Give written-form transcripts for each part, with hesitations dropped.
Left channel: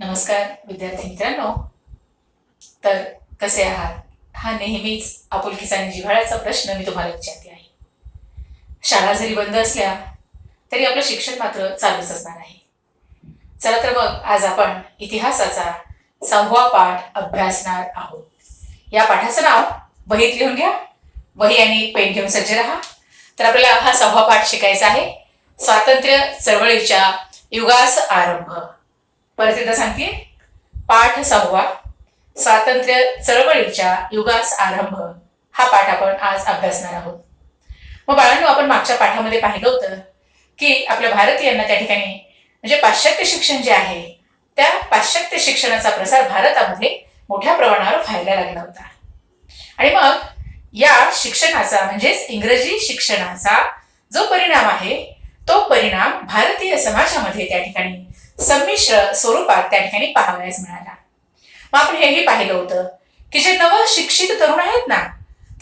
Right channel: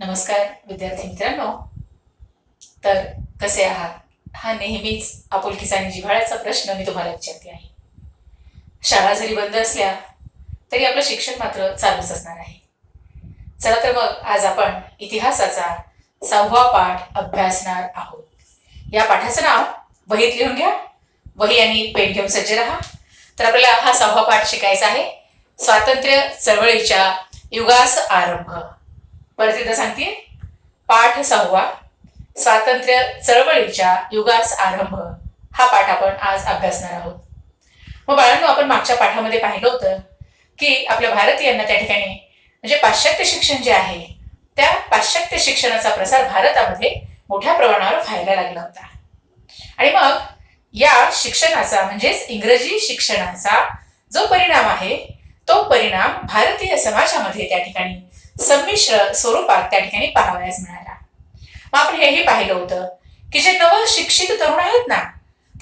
नमस्कार विद्यार्थी मित्रांनो. तर कसे आहात? हा नेहमीच आपुलकीचा आणि जिव्हाळ्याचा प्रश्न मी तुम्हाला विचारते आहे. शाळा जरी बंद असल्या तरी आपलं शिक्षण मात्र चालूच असणार आहे. चला तर मग आज आपण इतिहासाचा 6वा पाठ अभ्यासणार आहोत. या पाठाचं नाव वहीत लिहून घ्या. वही आणि पेन घेऊन सज्ज राहा. तर आपल्याला हा 6वा पाठ शिकायचा आहे. स्वातंत्र्य चळवळीच्या युगास आरंभ. परत एकदा सांगते, पाठ 6वा स्वातंत्र्य चळवळीच्या युगास आरंभ हा पाठ आपण आज अभ्यासणार आहोत. मग बाळांनो, आपण मागच्या पाठामध्ये पाहिलं होतं की आपल्या भारतीयांना त्या ठिकाणी म्हणजे पाश्चात्य शिक्षण जे आहे त्या पाश्चात्य शिक्षणाचा प्रसार भारतामध्ये मोठ्या प्रमाणावर व्हायला लागला होता. आणि मग या शिक्षणाचा म्हणजेच इंग्रजी शिक्षणाचा जो परिणाम आहे तो परिणाम भारतीय समाजामध्ये त्या ठिकाणी संमिश्र स्वरूपात त्या ठिकाणी पाहावयास मिळाला. मग आपण हेही पाहिलं होतं की जे नवशिक्षित तरुण आहेत ना,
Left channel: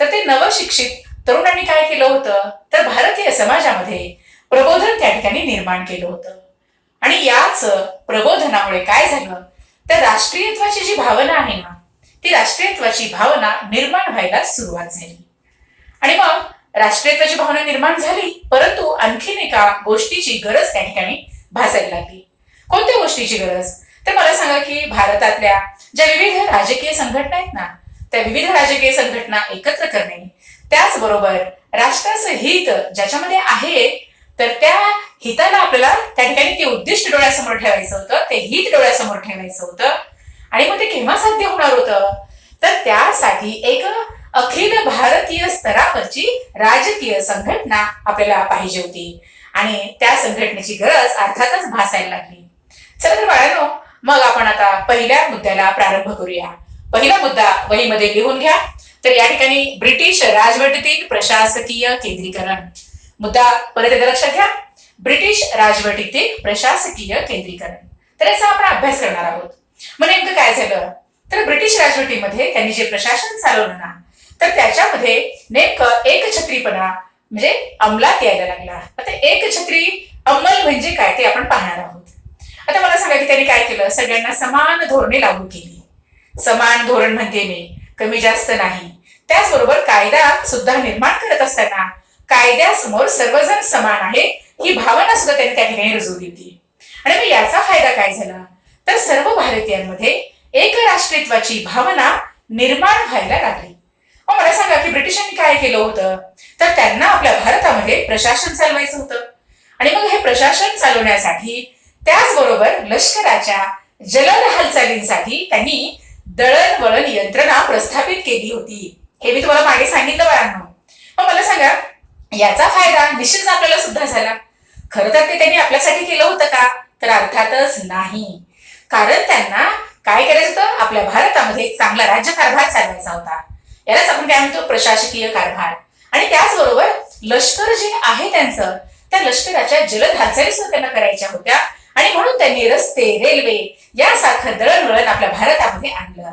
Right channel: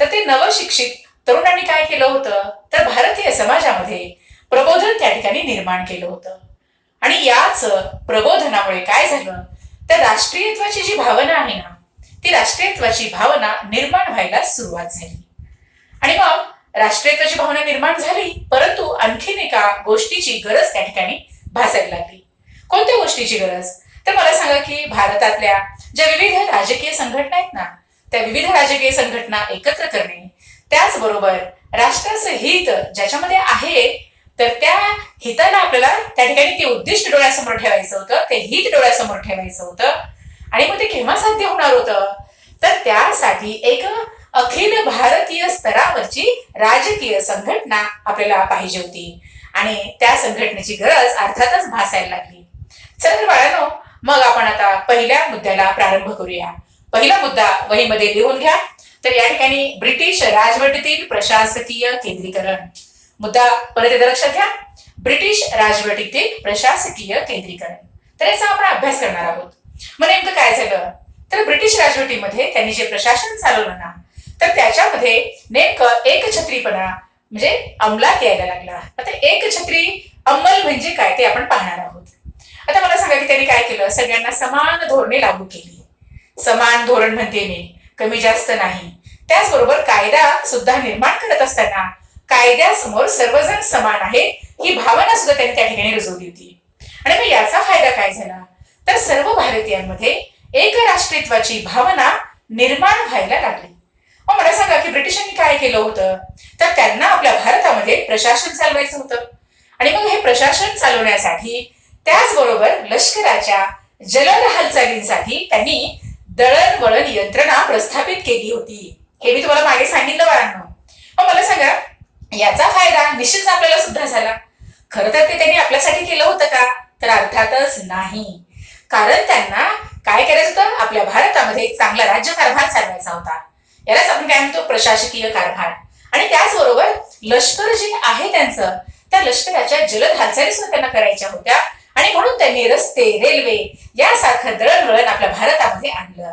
तर ते नवशिक्षित तरुणांनी काय केलं होतं, तर भारतीय समाजामध्ये प्रबोधन त्या ठिकाणी निर्माण केलं होतं. आणि याच प्रबोधनामुळे काय झालं, तर राष्ट्रीयत्वाची जी भावना आहे ना, ती राष्ट्रीयत्वाची भावना निर्माण व्हायला सुरुवात झाली. आणि मग राष्ट्रीयत्वाची भावना निर्माण झाली, परंतु आणखीन एका गोष्टीची गरज त्या ठिकाणी भासायला लागली. कोणत्या गोष्टीची गरज? तर मला सांगा की भारतातल्या ज्या विविध राजकीय संघटना आहेत ना, त्या विविध राजकीय संघटना एकत्र करणे, त्याचबरोबर राष्ट्राचं हित ज्याच्यामध्ये आहे तर त्या हिताला आपल्याला त्या ठिकाणी ते उद्दिष्ट डोळ्यासमोर ठेवायचं होतं, ते हित डोळ्यासमोर ठेवायचं होतं. आणि मग ते केव्हा साध्य होणार होतं, तर त्यासाठी एक अखिल भारतीय स्तरावरची राजकीय संघटना आपल्याला पाहिजे होती. आणि त्या संघटनेची गरज अर्थातच भासायला लागली. चला तर बाळांनो, मग आपण आता पहिल्या मुद्द्याला प्रारंभ करूया. पहिला मुद्दा वहीमध्ये लिहून घ्या. तर या ठिकाणी ब्रिटिश राजवटीतील प्रशासकीय केंद्रीकरण. मुद्दा परत एकदा लक्षात घ्या, ब्रिटिश राजवटीतील प्रशासकीय केंद्रीकरण. तर याचा आपण अभ्यास करणार आहोत. मग नेमकं काय झालं, तर ब्रिटिश राजवटीमध्ये त्यांनी जे प्रशासन चालवलं ना, तर त्याच्यामध्ये नेमकं एकछत्रीपणा म्हणजे अंमलात यायला लागला. आता एकछत्री अंमल म्हणजे काय ते आपण पाहणार आहोत. आता मला सांगा की त्यांनी काय केलं, सगळ्यांना समान धोरणे लागू केली. समान धोरण म्हणते मी, कमी जास्त नाही. त्याचबरोबर कायदा सुद्धा निर्माण करत असताना कायद्यासमोर सर्वजण समान आहे ही भावना सुद्धा त्यांनी त्या ठिकाणी रुजवली होती. आणि मग याचा फायदा काय झाला, तर सर्व भारतीयांमध्ये एक राष्ट्रीयत्वाची भावना निर्माण व्हायला लागली. मग मला सांगा की ब्रिटिशांनी काय केलं होतं, तर त्यांना आपल्या भारतामध्ये प्रशासन चालवायचं होतं. आणि मग हे प्रशासन चालवण्यासाठी त्याचबरोबर लष्कराच्या जलद हालचालींसाठी त्यांनी दळणवळण यंत्रणा प्रस्थापित केली होती. हे मी तुम्हाला मागे सांगितलं बाळांनो. मग मला सांगा, याचा फायदा निश्चितच आपल्याला सुद्धा झाला. खरं तर ते त्यांनी आपल्यासाठी केलं होतं का, तर अर्थातच नाही. कारण त्यांना काय करायचं होतं, आपल्या भारतामध्ये चांगला राज्यकारभार चालवायचा होता. यालाच आपण काय म्हणतो, प्रशासकीय कारभार. आणि त्याचबरोबर लष्कर जे आहे त्यांचं, त्या लष्कराच्या जलद हालचाली सुद्धा त्यांना करायच्या होत्या. आणि म्हणून त्यांनी रस्ते, रेल्वे यासारखं दळणवळण आपल्या भारतामध्ये आणलं.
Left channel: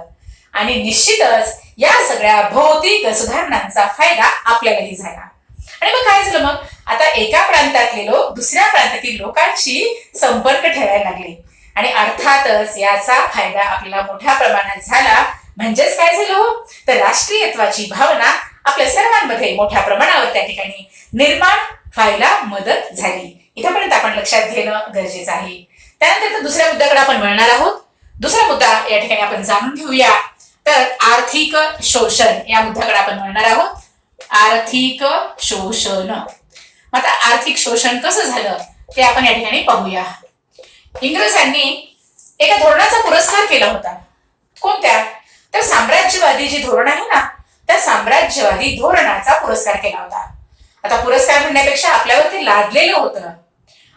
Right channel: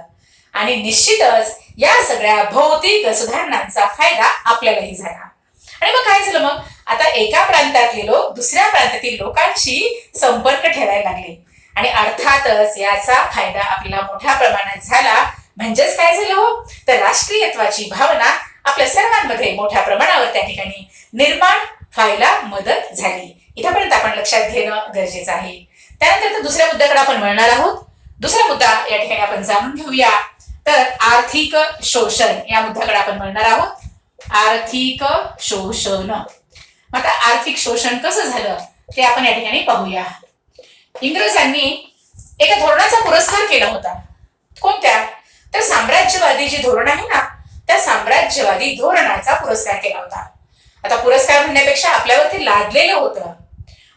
आणि निश्चितच या सगळ्या भौतिक सुधारणांचा फायदा आपल्यालाही झाला. आणि मग काय झालं, मग आता एका प्रांतातले लोक दुसऱ्या प्रांतातील लोकांशी संपर्क ठेवायला लागले. आणि अर्थातच याचा फायदा आपल्याला मोठ्या प्रमाणात झाला. म्हणजेच काय झालं हो, तर राष्ट्रीयत्वाची भावना आपल्या सर्वांमध्ये मोठ्या प्रमाणावर त्या ठिकाणी निर्माण व्हायला मदत झाली. इथपर्यंत आपण लक्षात घेणं गरजेचं आहे. त्यानंतर दुसऱ्या मुद्द्याकडे आपण वळणार आहोत. दुसरा मुद्दा या ठिकाणी आपण जाणून घेऊया, तर आर्थिक शोषण या मुद्द्याकडे आपण वळणार आहोत. आर्थिक शोषण. आता आर्थिक शोषण कसं झालं ते आपण या ठिकाणी पाहूया. इंग्रजांनी एका धोरणाचा पुरस्कार केला होता. कोणत्या, तर साम्राज्यवादी जे धोरण आहे ना, त्या साम्राज्यवादी धोरणाचा पुरस्कार केला होता. आता पुरस्कार म्हणण्यापेक्षा आपल्यावर ते लादलेलं होतं.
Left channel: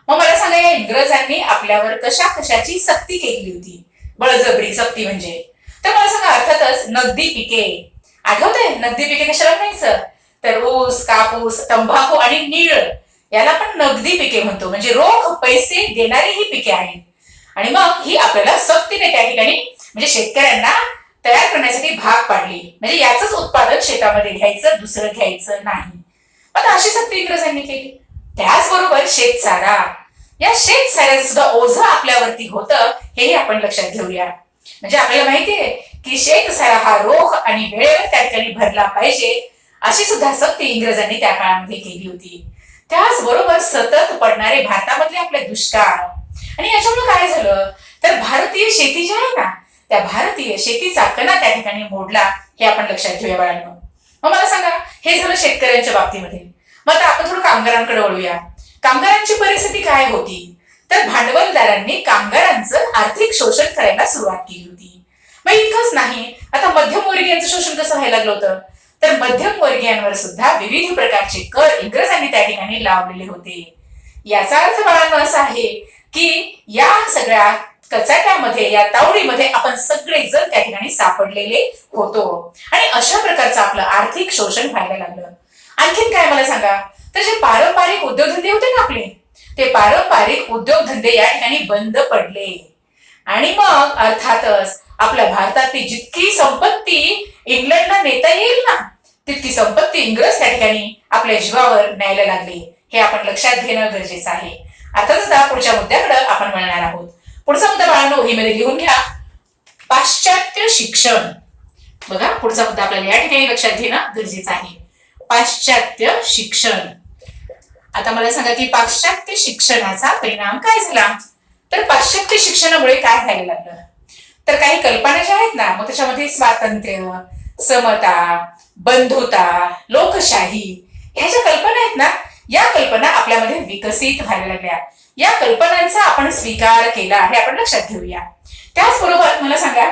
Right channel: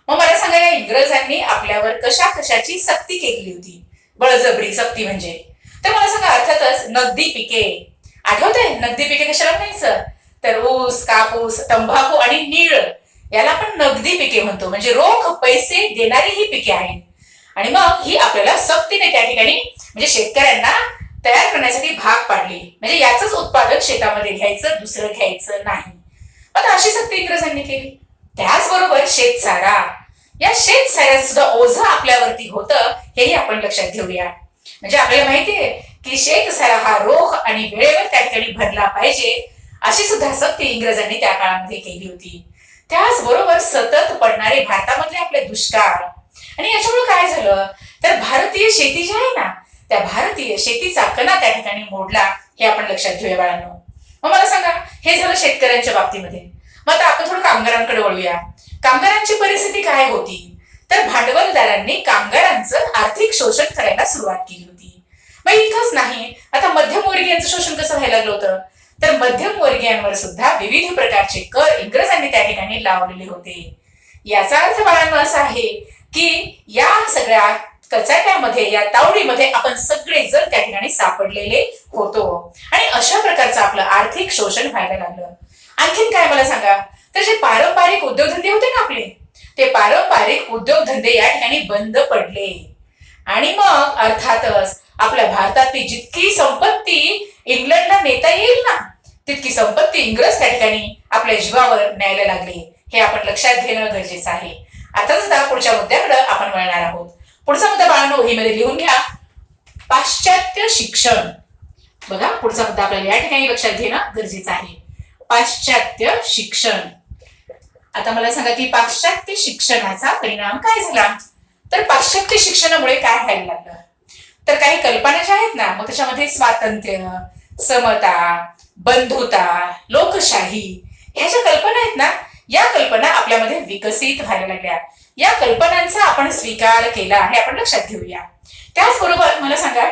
मग मला सांगा, या इंग्रजांनी आपल्यावर कशा कशाची सक्ती केली होती, बळजबरी सक्ती म्हणजे. तर मला सांगा, अर्थातच नगदी पिके. आठवतंय नगदी पिके कशाला म्हणायचं, तर ऊस, कापूस, तंबाखू आणि नीळ याला आपण नगदी पिके म्हणतो. म्हणजे रोख पैसे देणारी ही पिके आहेत. आणि मग ही आपल्याला सक्तीने त्या ठिकाणी म्हणजे शेतकऱ्यांना तयार करण्यासाठी भाग पाडली. म्हणजे याचंच उत्पादन शेतामध्ये घ्यायचं, दुसरं घ्यायचं नाही. आता अशी सक्ती इंग्रजांनी केली. त्याचबरोबर शेतसारा. या शेत साऱ्याचं सुद्धा ओझं आपल्यावरती होतं, हेही आपण लक्षात घेऊया. म्हणजे आपल्याला माहितीये की शेत सारा हा रोख आणि वेळेवर त्या ठिकाणी भरला पाहिजे, अशी सुद्धा सक्ती इंग्रजांनी त्या काळामध्ये केली होती. त्याचबरोबर सतत पडणारे भारतामधले आपले दुष्काळ, आणि याच्यामुळे काय झालं, तर भारतीय शेती जी आहे ना, त्या भारतीय शेतीचा कणा त्या ठिकाणी मोडला, हे आपण लक्षात घेऊया बाळांनो. मग मला सांगा, हे झालं शेतकऱ्यांच्या बाबतीमध्ये. मग आता आपण थोडं कामगारांकडे वळूया. कामगारांची परिस्थिती काय होती, तर भांडवलदारांनी कामगारांचं आर्थिक शोषण करायला सुरुवात केली होती. मग इतकंच नाही, आता मध्यमवर्गीयांचं शोषण कसं व्हायला लागलं होतं, तर मध्यमवर्गीयांवर सुद्धा विविध प्रकारचे कर इंग्रजांनी त्या ठिकाणी लावलेले होते. याचा अर्थ बाळांनो असा आहे की या सगळ्या कचाट्यामध्ये, या तावडीमध्ये आपण सगळेजण त्या ठिकाणी सापडलेले होतो, आणि अशा प्रकारचं आपलं आर्थिक शोषण व्हायला लागलं. आणखीन काय मला सांगा, तर जे पारंपरिक उद्योगधंदे होते ना आपले, ते पारंपरिक उद्योगधंदे या ठिकाणी बंद पडले. आणि मग अर्थातच आपल्या भारतातली जितकी संपत्ती इंग्लंडला नेता येईल ना, तितकी संपत्ती इंग्रज त्या ठिकाणी आपल्या जीवावर न्यायला लागले. हे आपण लक्षात घेणं गरजेचं आहे. अर्थातच आता पुढच्या मुद्द्याकडे आपण वळणार आहोत. पुढचा मुद्दा बाळांनो वहीमध्ये लिहून घ्या, पाश्चात्य शिक्षण. बघा, पुढचा मुद्दा आपल्याला या ठिकाणी लक्षात घेणं गरजेचं आहे. पाश्चात्य शिक्षण. आता मला सांगा की पाश्चात्य शिक्षणाचा परिणाम काय झाला, तर पाश्चात्य शिक्षणामुळे काय व्हायला लागलं, तर काही कल्पना ज्या आहेत ना, मग त्याच्यामध्ये स्वातंत्र्य, समता, बंधुता, लोकशाही, ह्या ज्या कल्पना आहेत ना, या कल्पना आपल्यामध्ये विकसित व्हायला लागल्या. या कल्पनांचा आपण स्वीकार केला, हे आपण लक्षात घेऊया. त्याचबरोबर मला सांगा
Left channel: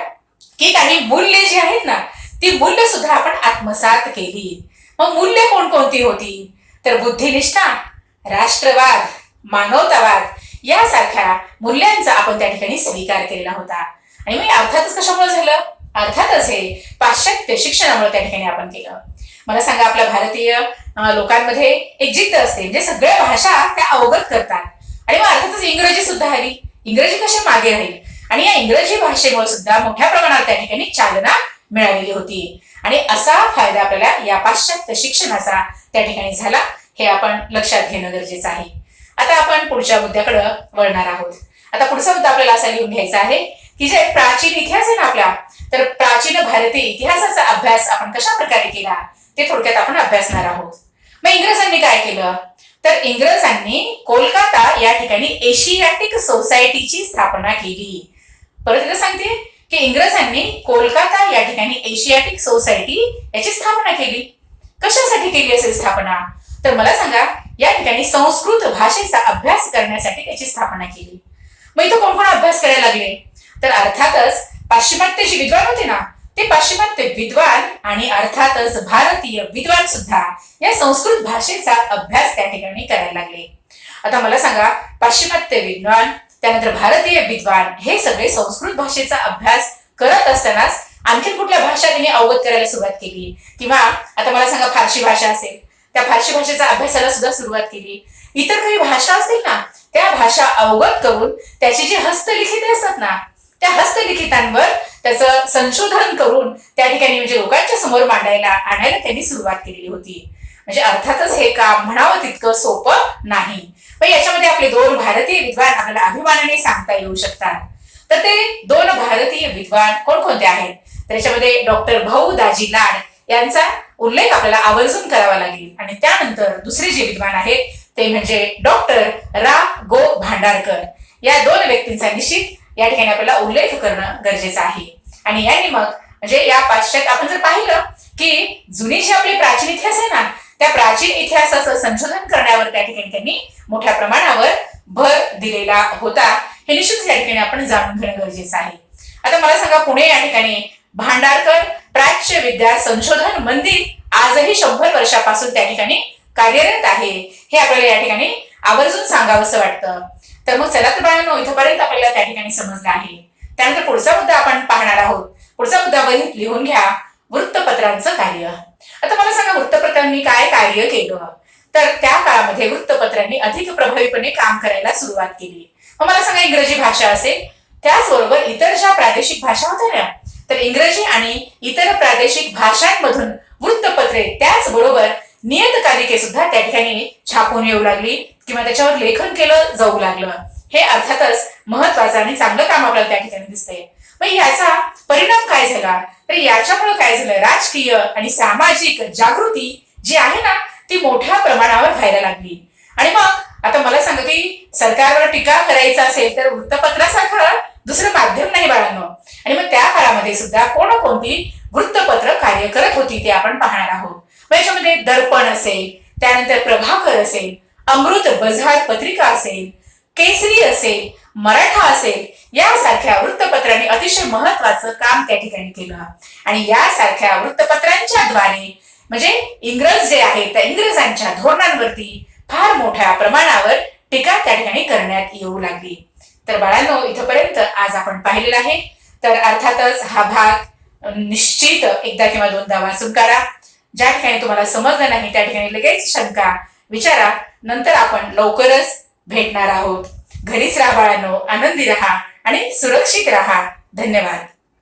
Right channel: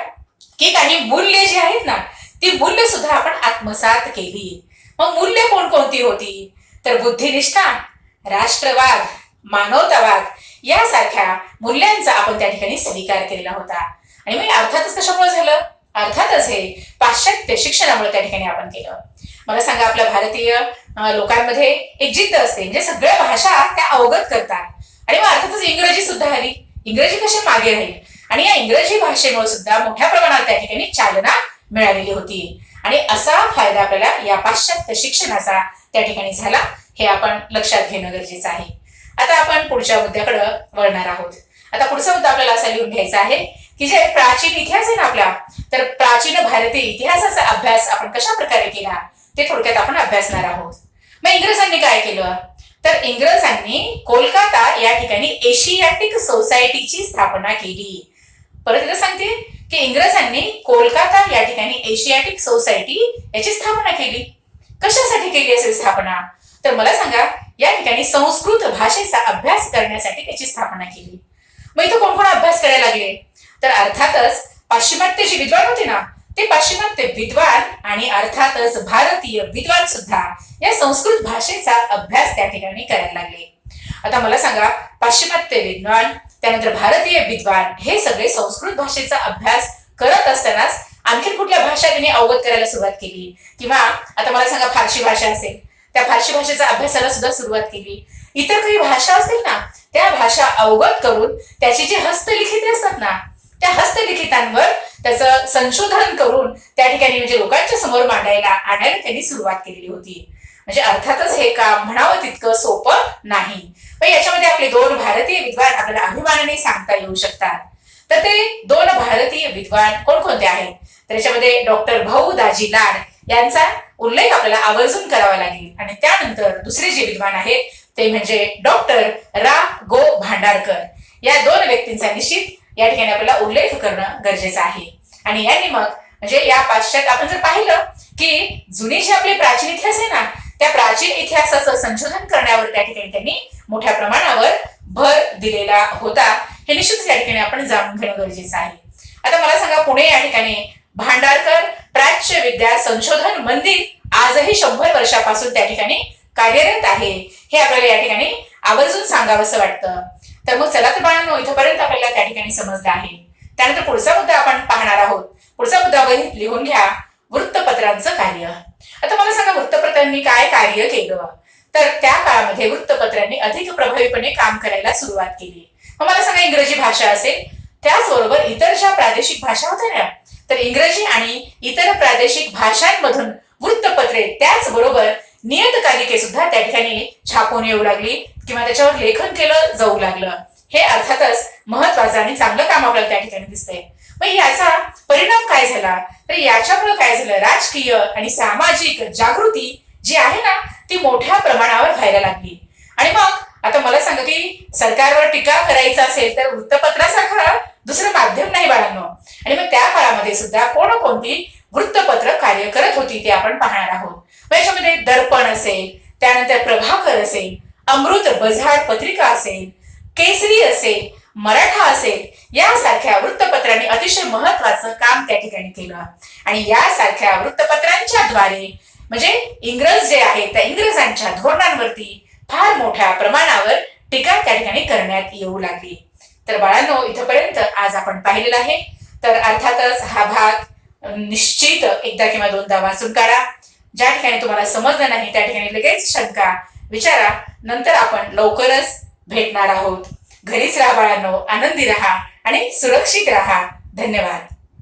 की काही मूल्य जी आहेत ना, ती मूल्य सुद्धा आपण आत्मसात केली. मग मूल्य कोणकोणती होती, तर बुद्धिनिष्ठा, राष्ट्रवाद, मानवतावाद यासारख्या मूल्यांचा आपण त्या ठिकाणी स्वीकार केलेला होता. आणि मग अर्थातच कशामुळे झालं, अर्थातच हे पाश्चात्य शिक्षणामुळे त्या ठिकाणी आपण केलं. मला सांगा, आपल्या भारतीय लोकांमध्ये एक जिद्द असते, म्हणजे सगळ्या भाषा त्या अवगत करतात. आणि मग अर्थातच इंग्रजी सुद्धा आली. इंग्रजी कशा मागे राहील, आणि या इंग्रजी भाषेमुळे सुद्धा मोठ्या प्रमाणात त्या ठिकाणी चालना मिळालेली होती. आणि असा फायदा आपल्याला या पाश्चात्य शिक्षणाचा त्या ठिकाणी झाला, हे आपण लक्षात घेणं गरजेचं आहे. आता आपण पुढच्या मुद्द्याकडे वळणार आहोत. आता पुढचा मुद्दा आपल्याला असा लिहून घ्यायचा आहे की जे प्राचीन इतिहास आहे ना आपला, तर प्राचीन भारतीय इतिहासाचा अभ्यास आपण कशा प्रकारे केला, ते थोडक्यात आपण अभ्यासणार आहोत. मग इंग्रजांनी काय केलं, तर इंग्रजांनी कोलकाता या ठिकाणी एशियाटिक सोसायटीची स्थापना केली. परत एकदा सांगते की इंग्रजांनी कोलकाता या ठिकाणी एशियाटिक सोसायटी याची स्थापना केली. कशासाठी केली असेल स्थापना, तर मला सांगा, या ठिकाणी संस्कृत भाषेचा अभ्यास करण्यासाठी त्याची स्थापना केली. मग इथं कोण कोण अभ्यास करायला लागले, तर अर्थातच पाश्चिमात्य जे विद्वान होते ना, ते पाश्चिमात्य विद्वान आणि अर्थातच भारतीय विद्वान सुद्धा या संस्कृत भाषेचा अभ्यास त्या ठिकाणी करायला लागले. आता मला सांगा, पाश्चिमात्य विद्वान, त्यानंतर भारतीय विद्वान, हे सगळे संस्कृत भाषेचा अभ्यास करत असतानाच आणखी कुठल्या भाषा त्यांनी अवगत करायला सुरुवात केली, किंवा आता मला सांगा फारशी भाषा असेल, त्या फारशी भाषेचा अभ्यासाला सुद्धा सुरुवात केली. इतर काही भाषा असतील ना, त्या भाषा अवगत करून त्याची जी हस्तलिखिते असतात ना, त्या हस्तलिखितांवर त्याचं संशोधन करून त्या ठिकाणी म्हणजे लोकांच्या समोर आणायला त्यांनी सुरुवात केलेली होती. म्हणजे अर्थातच हे काम म्हणावं तितकं सोपं नाही. पण याच्यामध्ये आपले दोन भारतीय विद्वान आपल्याला अभिमानाने सांगता येऊ शकतात. तर ते दोन भारतीय विद्वान कोणकोणते आहेत, तर याच्यामध्ये डॉक्टर भाऊ दाजी लाड यांचा उल्लेख आपल्याला आवर्जून करावा लागेल. आणि त्यानंतर दुसरे जे विद्वान आहेत ते म्हणजे डॉक्टर रा गो भांडारकर. या दोन व्यक्तींचा निश्चित या ठिकाणी आपल्याला उल्लेख करणं गरजेचं आहे. आणि यांनी मग म्हणजे या पाश्चात्य आपण जर पाहिलं की जुनी जे आपले प्राचीन इतिहास आहे ना, त्या प्राचीन इतिहासाचं संशोधन करण्यावर त्या ठिकाणी त्यांनी मोठ्या प्रमाणावर भर दिलेला होता. हे निश्चितच या ठिकाणी आपण जाणून घेणं गरजेचं आहे. आता मला सांगा, पुणे या ठिकाणी भांडारकर प्राच्य विद्या संशोधन मंदिर आजही 100 वर्षापासून त्या ठिकाणी कार्यरत आहे. हे आपल्याला या ठिकाणी आवर्जून सांगावंसं वाटतं. तर मग चला तर बाळांनो, इथपर्यंत आपल्याला त्या ठिकाणी समजलं आहे. त्यानंतर पुढचा मुद्दा आपण पाहणार आहोत. पुढचा मुद्दा वहीत लिहून घ्या, वृत्तपत्रांचं कार्य. आता मला सांगा, वृत्तपत्रांनी काय कार्य केलं, तर त्या काळामध्ये वृत्तपत्रांनी अधिक प्रभावीपणे काम करायला सुरुवात केली. मग मला सांगा, इंग्रजी भाषा असेल, त्याचबरोबर इतर ज्या प्रादेशिक भाषा होत्या ना, तर इंग्रजी आणि इतर प्रादेशिक भाषांमधून वृत्तपत्रे त्याचबरोबर नियतकालिके सुद्धा त्या ठिकाणी छापून येऊ लागली. किंवा त्याच्यावर लेखन केलं जाऊ लागलं. हे अर्थातच महत्वाचं आणि चांगलं काम आपल्याला त्या ठिकाणी दिसतंय. मग याचा परिणाम काय झाला, तर याच्यामुळे काय झालं, राजकीय आणि सामाजिक जागृती जी आहे ना ती मोठ्या प्रमाणावर व्हायला लागली. आणि मग आता मला सांगा की सरकारवर टीका करायचं असेल तर वृत्तपत्रासारखं दुसरं माध्यम नाही बाळांनो. आणि मग त्या काळामध्ये सुद्धा कोणकोणती वृत्तपत्र कार्य करत होती ते आपण पाहणार आहोत. मग याच्यामध्ये दर्पण असेल, त्यानंतर प्रभाकर असेल, अमृत बझार पत्रिका असेल, केसरी असेल, मराठा असेल, यासारख्या वृत्तपत्रांनी अतिशय महत्वाचं काम त्या ठिकाणी केलं. आणि यासारख्या वृत्तपत्रांच्या द्वारे म्हणजे इंग्रज जे आहेत त्या इंग्रजांच्या धोरणांवरती फार मोठ्या प्रमाणावर टीका त्या ठिकाणी करण्यात येऊ लागली. तर बाळांनो, इथपर्यंत आज आपण पाहिलेलं आहे. तर अर्थातच हा भाग निश्चित एकदा किंवा दोनदा वाचून काढा. ज्या ठिकाणी तुम्हाला समजलं नाही त्या ठिकाणी लगेच शंका विचारा. नंतर आपण लवकरच भेटणार आहोत. घरीच राहा बाळांनो, आनंदी राहा आणि सुरक्षित राहा. धन्यवाद.